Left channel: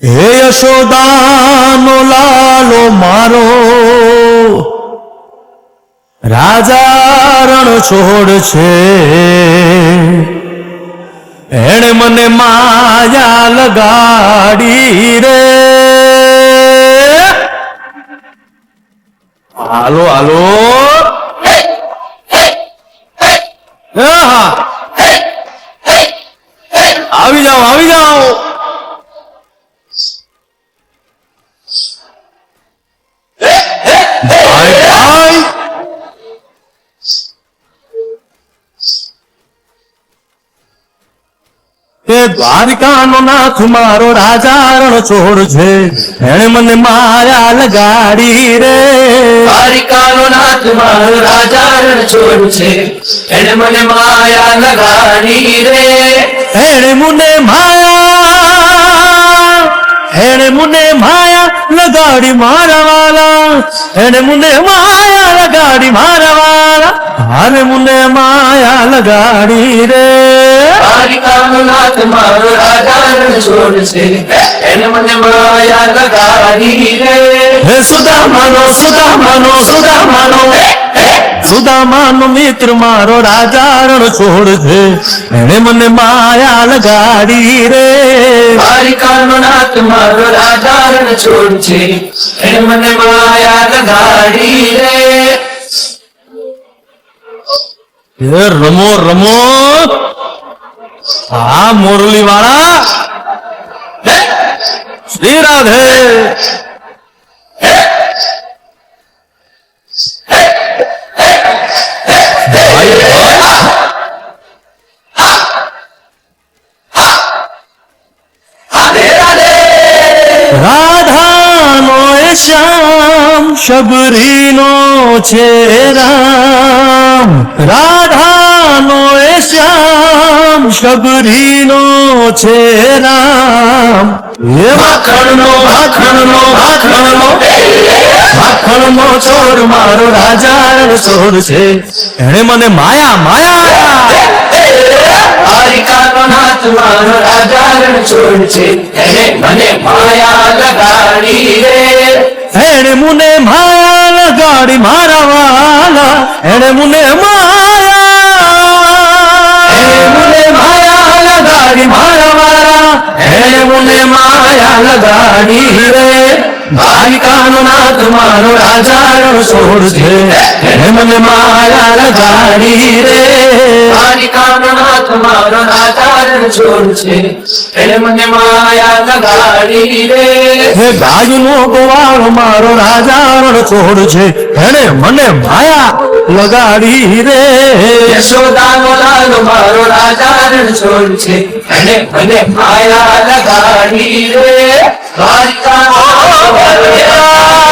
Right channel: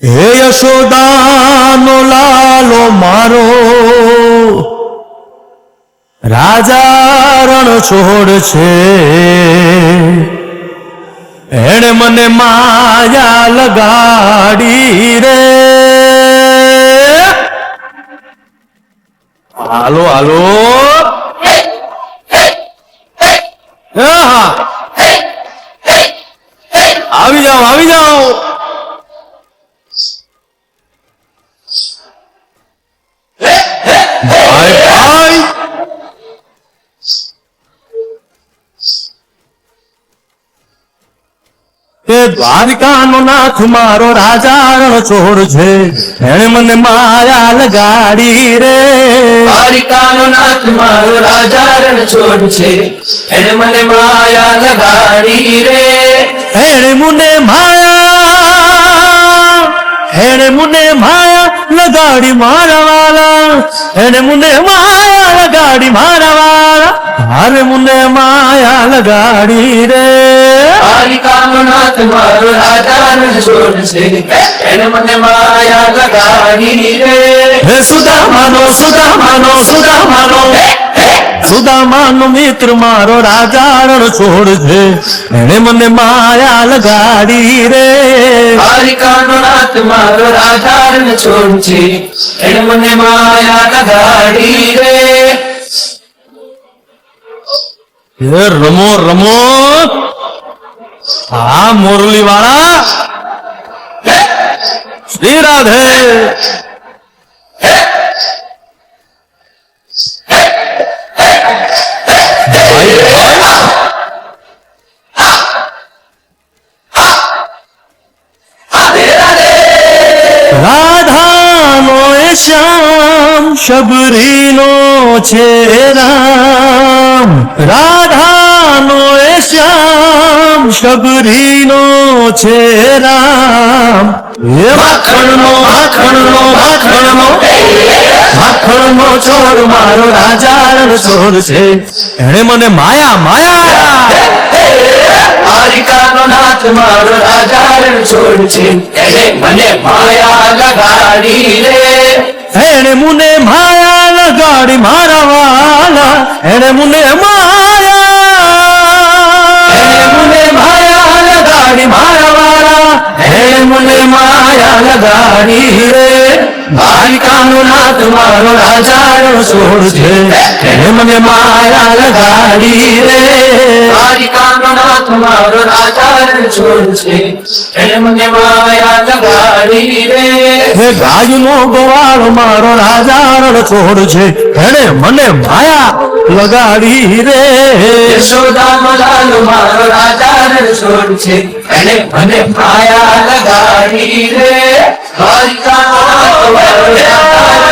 હે યશોદાનો લાલો મારો રાજા રણ છોડ છે, એણે મને માયા લગાડી રે. હાલો હાલો, હા આવી જાઓ આવી જાઓ. ભાઈ ભાઈ તે દ્વારિકાનો નાથ મારો રાજા રણ છોડ છે, એણે મને માયા લગાડી રે. દ્વારિકાનો નાથ મારો રાજા રણ છોડ છે, એણે મને માયા લગાડી રે. એણે મને માયા લગાડી મારા વાલા, એણે મને માયા લગાડી મારા વાલા, હારે મને માયા લગાડી રે. દ્વારિકાનો નાથ મારો રાજા રણ છોડ છે, એણે મને માયા લગાડી રે. હે સુદામાનો સુદામાનો સુદામાનો સુદામાનો મિત્ર મારો રાજા રણ છોડ છે, એણે મને માયા લગાડી રે. દ્વારિકાનો નાથ મારો રાજા રણ છોડ છે, એણે મને માયા લગાડી રે. હે રમો રમો, હા મોરલી વાળા, શ્રી રાધે. ભાઈ ભાઈ રાધાનો એ શ્યામ શબરીનો છે રામ, રાધાનો એ શ્યામ શબરીનો છે રામ. એ માખણનો માખણનો માખણનો માખણનો ચોર મારો રાજા રણ ચોર છે, એણે મને માયા માયા. દ્વારિકાનો નાથ મારો રાજા રણ છોડ છે, એણે મને માયા લગાડી રે. એણે મને માયા લગાડી મારા વાલા, એણે મને માયા લગાડી મારા વાલા, એણે મને માયા લગાડી રે. દ્વારિકાનો નાથ મારો રાજા રણ છોડ છે, એને મને માયા લગાડી રે. દ્વારિકાનો નાથ મારો રાજા રણ છોડ છે, એણે મને માયા લગાડી રે. હે ગાયનો ગોવાળો મારો રાજા રણ છોડ છે, એને મને માયા લગાડી રે. યશોદાનો લાલ મારો રાજા રણ છોડ છે, એણે મને માયા લગાડી રે. દ્વારિકાનો નાથ મારો રાજા